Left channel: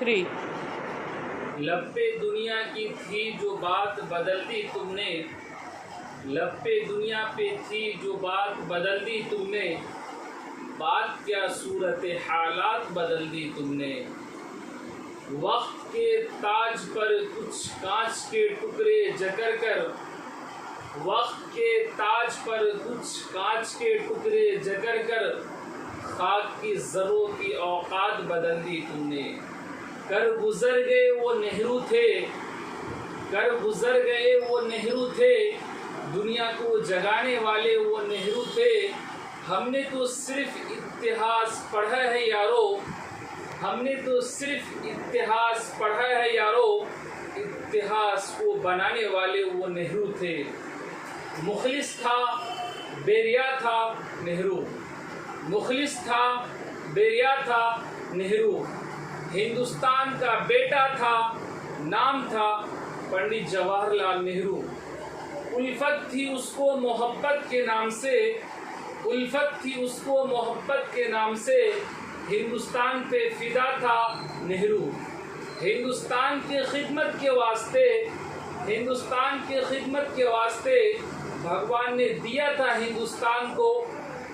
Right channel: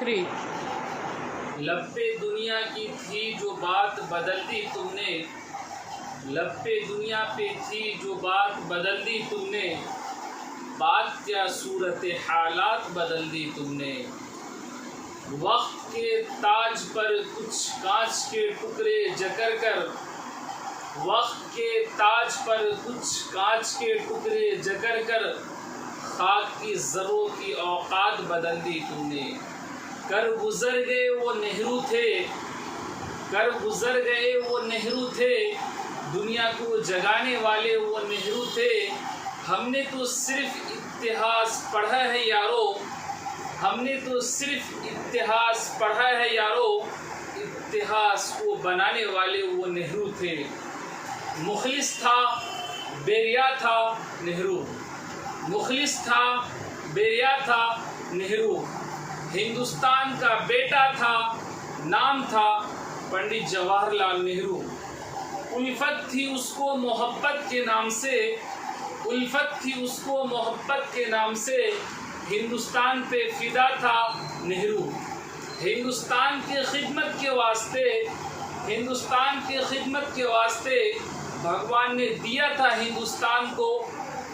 3 लप्पे दुनिया की थी जो बात बदल दी तुमने, लप्पे दुनिया पे थी जो बात बदल दी तुमने, बात क्या सूरत हालात बदल दी तुमने। वक्त के ताज पर कुछ कांच के टुकड़े जकर कर, वक्त के ताज पर कुछ कांच के टुकड़े जकर कर, खाक की ज़रों की औकात बदल दी तुमने। कर गुज़र गए वो नेहरू थे, कर गुज़र गए वो नेहरू थे, दुनिया को जगाने वाले वो नेहरू थे। हमने तो सिर्फ इतिहास पढ़ा है यारो, हमने तो सिर्फ इतिहास पढ़ा है यारो, इतिहास को बनाने वाले वो नेहरू थे। मुखलिस था बेरिया था नेहरू, मुखलिस था बेरिया था नेहरू, हिंदुस्तान का बेटा था, नाम था पंडित जवाहरलाल नेहरू। उल्फत थी उसको मोहब्बत के नाम से, उल्फत थी उसको मोहब्बत के नाम से, हिंदुस्तान पे फिदा था नेहरू। हिंदुस्तान के खिदमत के वास्ते, हिंदुस्तान के खिदमत के वास्ते भगवान ने दिया था हिंदुस्तान को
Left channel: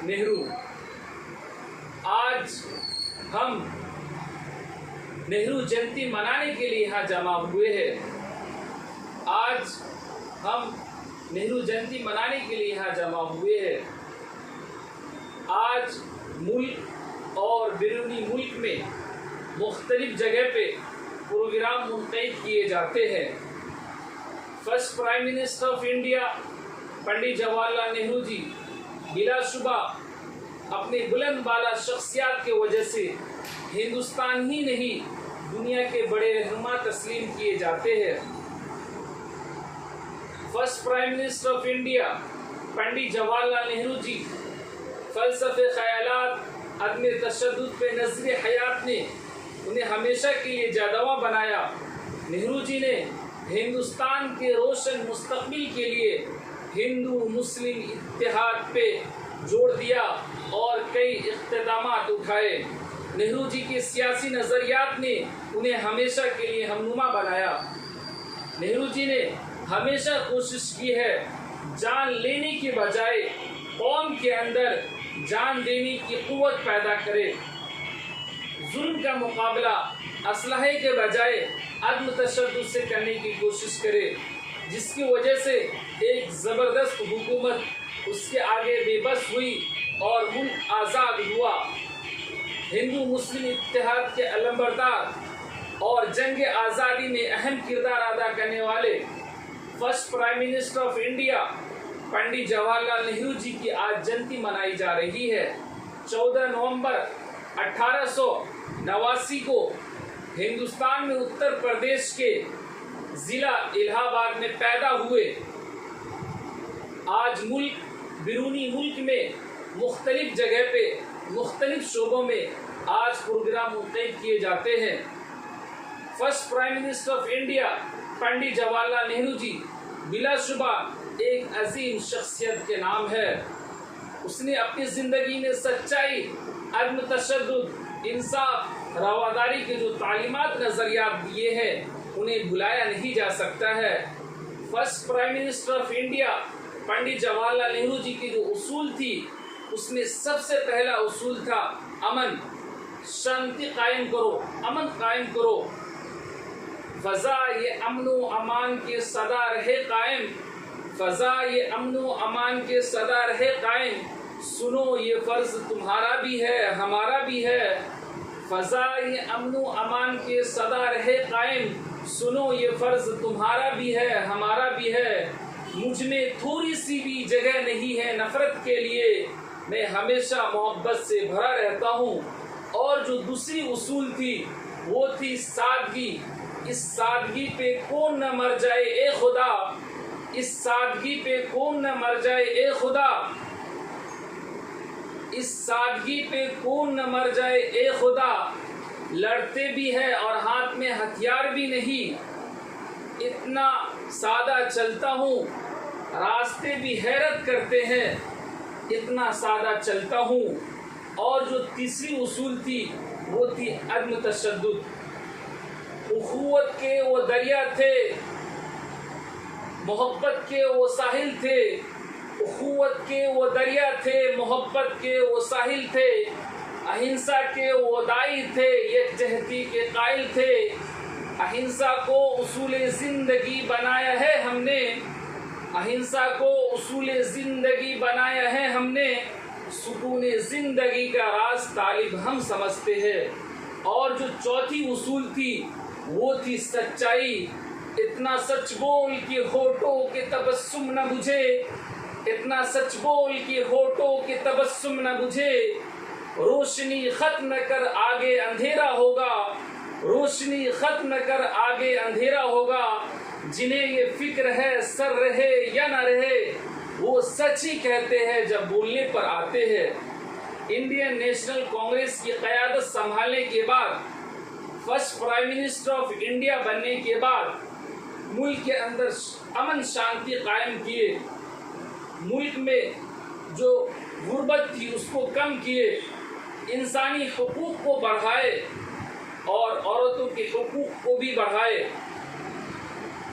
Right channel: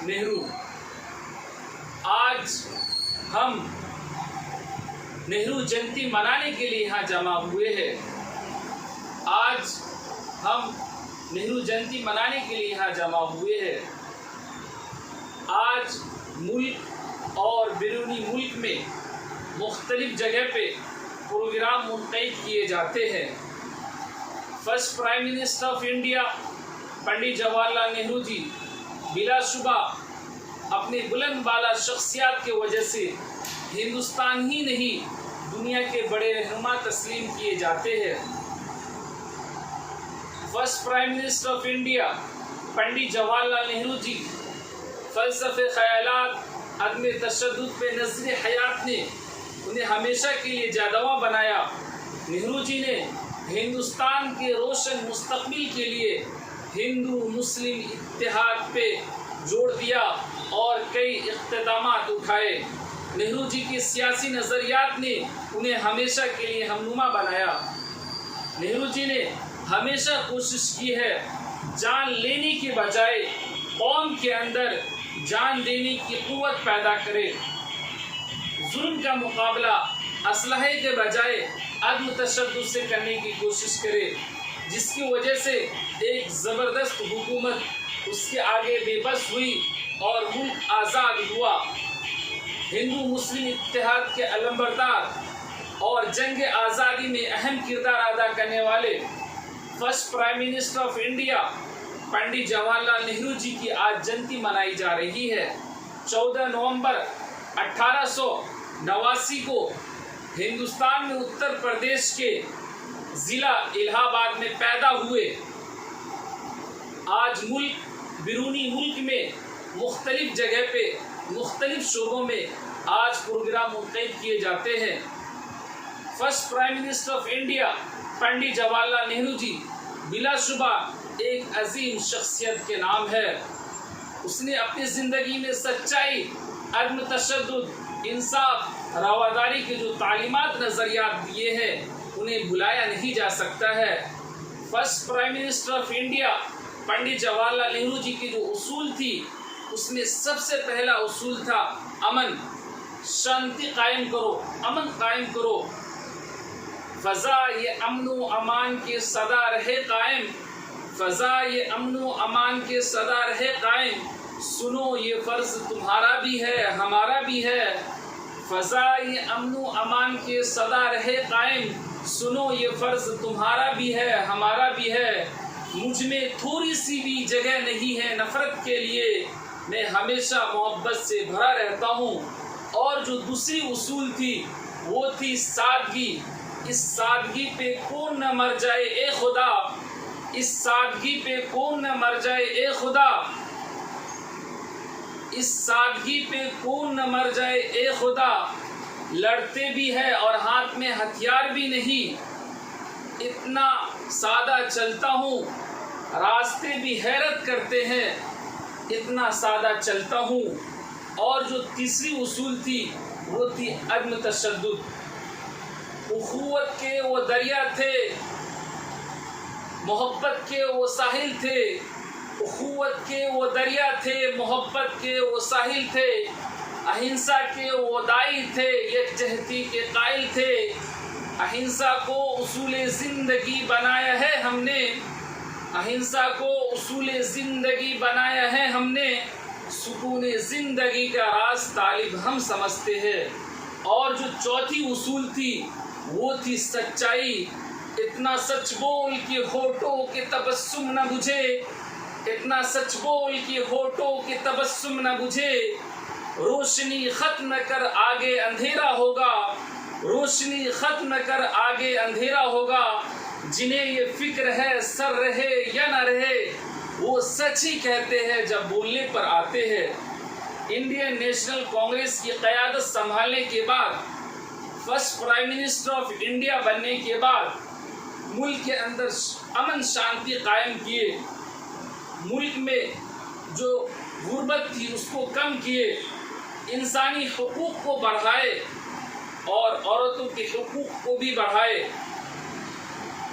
नेहरू। आज हम नेहरू जयंती मनाने के लिए यहाँ जमा हुए हैं। आज हम नेहरू जयंती मनाने के लिए यहाँ जमा हुए हैं। आज मुल्क और बैरूनी मुल्क में मुख्तलिफ जगह पे प्रोग्राम मुनक़िद किए जाते हैं। First prime minister of India Pandit Jawaharlal Nehru ji बिलाशुबा अपने बुलंद बाला शख्सियत के वजह से हिंदुस्तान ही नहीं दुनिया के बड़े रहनुमा तस्लीम किए जाते हैं। First prime minister of India Pandit Jawaharlal Nehru ji फ़लसफ़े ख़यालात अदम तशद्दुद पे नज़र हयात ने उन्हें हमेशा के लिए जादवा बनाया। नेहरू जी ने हिंदुस्तान के रोशन मुस्तक़बिल के लिए हिंदू मुस्लिम इत्तेहाद पे जोड़ दिया और कई इक़्तिदामात उठाए। नेहरू जी के सियासी नज़रियात ने उन्हें हमेशा के लिए हमनुमा बनाया। नेहरू जी ने हमेशा कोशिश की है जान लेने के बजाय कौम के अंदर जान देने की क़ुव्वत पैदा करे, जुल्म का मुकाबला असलहे के बजाय अदम तशद्दुद से करने की कोशिश करे, जिसकी वजह से एक ज़बरदस्त हुकूमत उसके आगे बेबस हुई और मुल्क आज़ाद हुआ। हिंदू मुस्लिम इत्तेहाद के अलंबरदार और जंग आज़ादी में अहम किरदार अदा करने वाले first prime minister of India Pandit Jawaharlal Nehru ji की आज जयंती मनाई जा रही है। 14 नवंबर 1889 को हिंदुस्तान में उत्तर प्रदेश के ज़िला इलाहाबाद में पैदा हुए। आज मुल्क बैरूनी मुल्क में मुख्तलिफ जगह पे मुख्तलिफ शोबों में आज प्रोग्राम मुनक़िद किए जाते हैं। First prime minister of India Pandit Jawaharlal Nehru ji बिलाशुबा एक अजीम शख्सियत के नाम है। उसने अपनी ज़िंदगी में सच्चाई, अदम तशद्दुद, इंसाफ, रवादारी के जो तालीमात नज़रियात दिए हैं उन्हें भुलाया नहीं जा सकता है। First prime minister of India Pandit Jawaharlal Nehru ji की जो उसूल थी उसमें सबसे पहला उसूल था अमन, शांति कायम करो, अमन कायम करो। फ़ज़ा ये अमन व अमान के सदा रहे कायम, फ़ज़ा ये अमन व अमान के सदा रहे कायम, सुनो ये फ़र्ज़ तुम्हारा भी है हमारा भी है। फ़ज़ा ये अमन व अमान के सदा रहे कायम, सुनो ये फ़र्ज़ तुम्हारा भी है हमारा भी है। मुझ में थोड़ी सी भी जगह नहीं है नफ़रत के लिए, मैं हमेशा मोहब्बत से भरा रहता हूँ। और जो दूसरी उसूल थी वो थी सादगी। इस सादगी पे कौन न मर जाए ए खुदा, इस सादगी पे कौन न मर जाए ए खुदा, इस सादगी पे कौन न मर जाए ए खुदा। लड़ते भी है और हाथ में हथियार भी नहीं, इतना सादा चलता हूँ, रास्ते भी हैरत करते हैं, इतना सादा चलता हूँ। और जो तीसरी उसूल थी वो थी अदम तशद्दुद। उखुवत के वो दरिया थे, मोहब्बत के वो साहिल थे। उखुवत के वो दरिया थे, मोहब्बत के वो साहिल थे, अहिंसा के वो दाई थे, यकजहती के कायल थे। अहिंसा को उसूल जिंदगी बनाया है हमने, अहिंसा को उसूल जिंदगी बनाया है हमने। सुकून जिंदगी का राज तालिब हम समझते हैं। और जो चौथी उसूल थी वो थी सच्चाई। इतना सच बोल कि होठों के तबस्सुम न बुझे, इतना सच बोल कि होठों के तबस्सुम न बुझे। रोशनी खत्म कर आगे अंधेरा होगा, रोशनी खत्म कर आगे अंधेरा होगा। जिन्हें ये फिक्र है सर रहे या न रहे, वो सच ही कहते हैं जब बोलने पर आते हैं। इंडियन नेशनल कांग्रेस की क़यादत संभालने के बाद, first prime minister of India बनने के बाद मुल्क के अंदर अमन शांति कायम किए, मुल्क में जो गुर्बत थी उसको कम किए, इंसानी हुकूक को बढ़ाए और औरतों के हुकूक को भी बढ़ाए।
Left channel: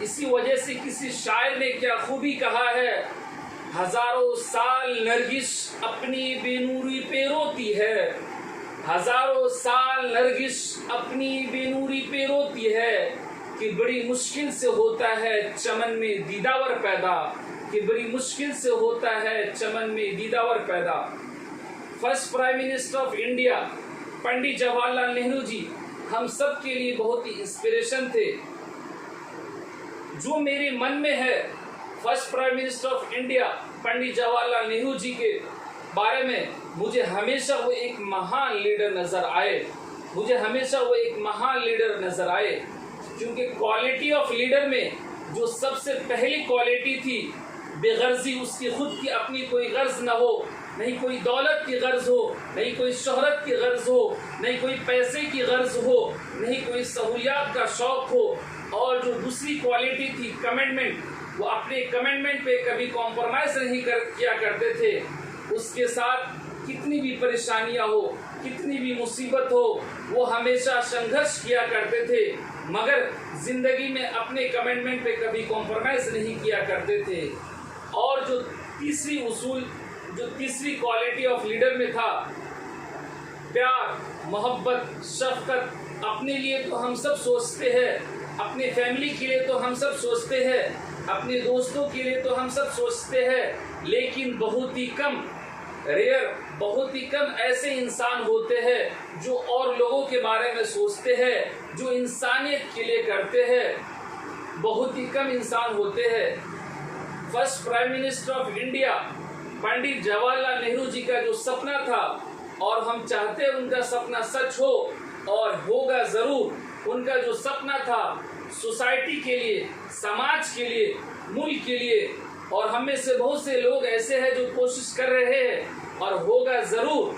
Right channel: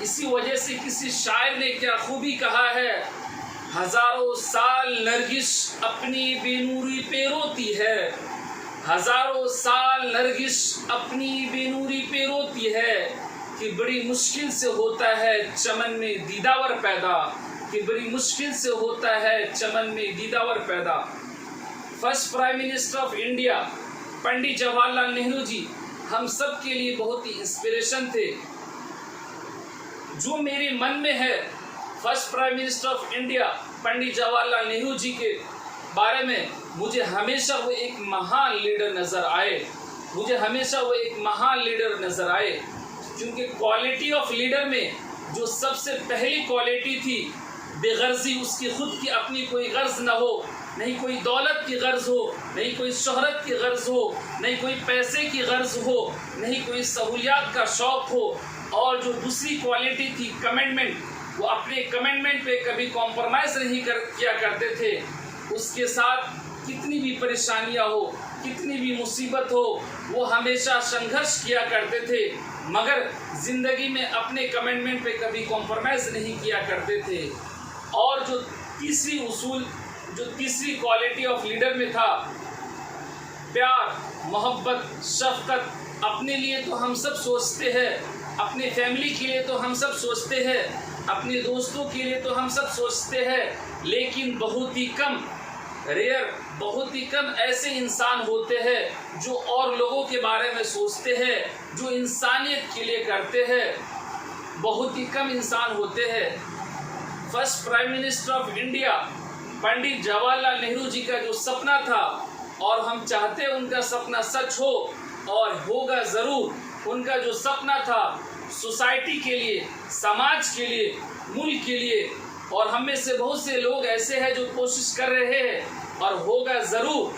इसी वजह से किसी शायर ने क्या खूबी कहा है, हजारों साल नरगिस अपनी बेनूरी पे रोती है, हजारों साल नरगिस अपनी बेनूरी पे रोती है। कि बड़ी मुश्किल से होता है चमन में दीदावर पैदा, कि बड़ी मुश्किल से होता है चमन में दीदावर पैदा। First prime minister of India Pandit Jawaharlal Nehru ji हम सब के लिए बहुत ही इंस्पिरेशन थे। जो मेरे मन में है first prime minister of India Pandit Jawaharlal Nehru ji के बारे में, मुझे हमेशा वो एक महान लीडर नज़र आए, मुझे हमेशा वो एक महान लीडर नज़र आए। क्योंकि क्वालिटी ऑफ लीडर में जो सबसे पहली क्वालिटी थी, बेगर्जी, उसकी खुद की अपनी कोई गर्ज ना हो, नहीं कोई दौलत की गर्ज हो, नहीं कोई शोहरत की गर्ज हो, नहीं कोई पैसे की गर्ज हो, नहीं कोई सहूलियात का शौक़ हो। और जो दूसरी क्वालिटी थी कमिटमेंट, वो अपने कमिटमेंट पे कभी कॉम्प्रोमाइज़ नहीं किया करते थे। उसके साथ कितनी भी परेशानियां हो, कितनी भी मुसीबत हो, वो हमेशा संघर्ष किया करते थे, मगर ज़िंदगी में अपने कमिटमेंट पे कभी कॉम्प्रोमाइज़ नहीं किया करते थे। और जो तीसरी उसूल, जो तीसरी क्वालिटी ऑफ लीडर में था, प्यार, मोहब्बत, शफकत। अपने लिए तो हम सब सोचते हैं, अपने फैमिली के लिए तो हम सब सोचते हैं, अपने दोस्तों के लिए तो हम सब सोचते हैं, लेकिन बहुत ही कम, रेयर, बहुत ही कम ऐसे इंसान होते हैं जो और लोगों के बारे में सोचते हैं, जो इंसानियत के लिए करते हैं। बहुत ही कम इंसान होते हैं। First prime minister of India Pandit Jawaharlal Nehru ji का जो सपना था, और हम चाहते हैं उनका सपना सच हो, और होगा ज़रूर। उनका जो सपना था सोसाइटी के लिए, समाज के लिए, मुल्क के लिए, और हम में से बहुत से लोग ऐसे हैं जो कोशिश कर रहे हैं, और होगा ज़रूर।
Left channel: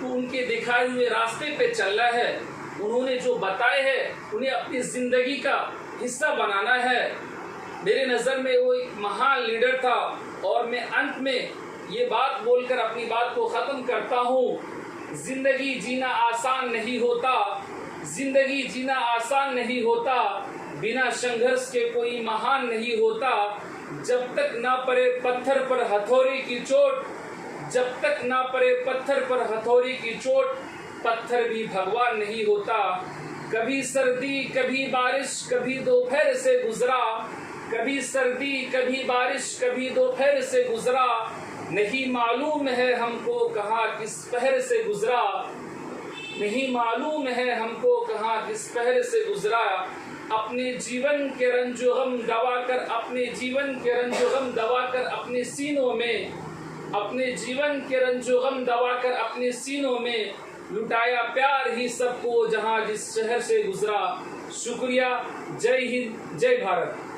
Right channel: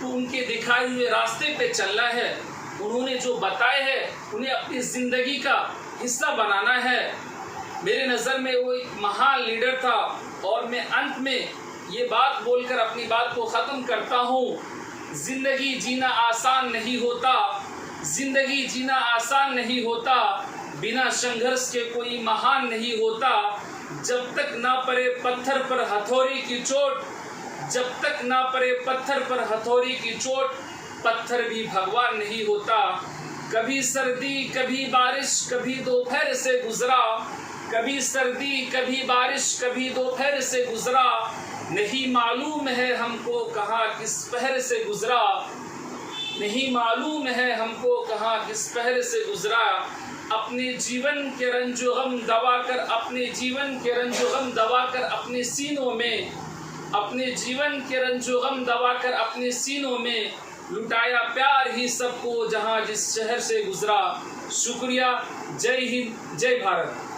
तो उनके दिखाए हुए रास्ते पे चलना है, उन्होंने जो बताए हैं उन्हें अपनी ज़िंदगी का हिस्सा बनाना है। मेरे नज़र में वो एक महान लीडर था। और मैं अंत में ये बात बोलकर अपनी बात को ख़त्म करता हूँ। ज़िंदगी जीना आसान नहीं होता, ज़िंदगी जीना आसान नहीं होता, बिना संघर्ष के कोई महान नहीं होता। जब तक ना पड़े पत्थर पर हथौड़ी की चोट, जब तक ना पड़े पत्थर पर हथौड़ी की चोट, पत्थर भी भगवान नहीं होता। कभी सर्दी कभी बारिश कभी दोपहर से गुजरा, कभी सर्दी कभी बारिश कभी दोपहर से गुजरा। नहीं मालूम है हमको कहाँ किस पहर से गुजरा, नहीं मालूम है हमको कहाँ किस पहर से गुजरा। अपने जीवन के रंजो गम दबा कर, अपने जीवन के रंजो गम दबा कर अपने सीनों में, अपने जीवन के रंजो गम दबा कर अपने सीनों में लुटाया प्यार ही सबको जहाँ जिस शहर से गुजरा। शुक्रिया। जय हिंद, जय भारत।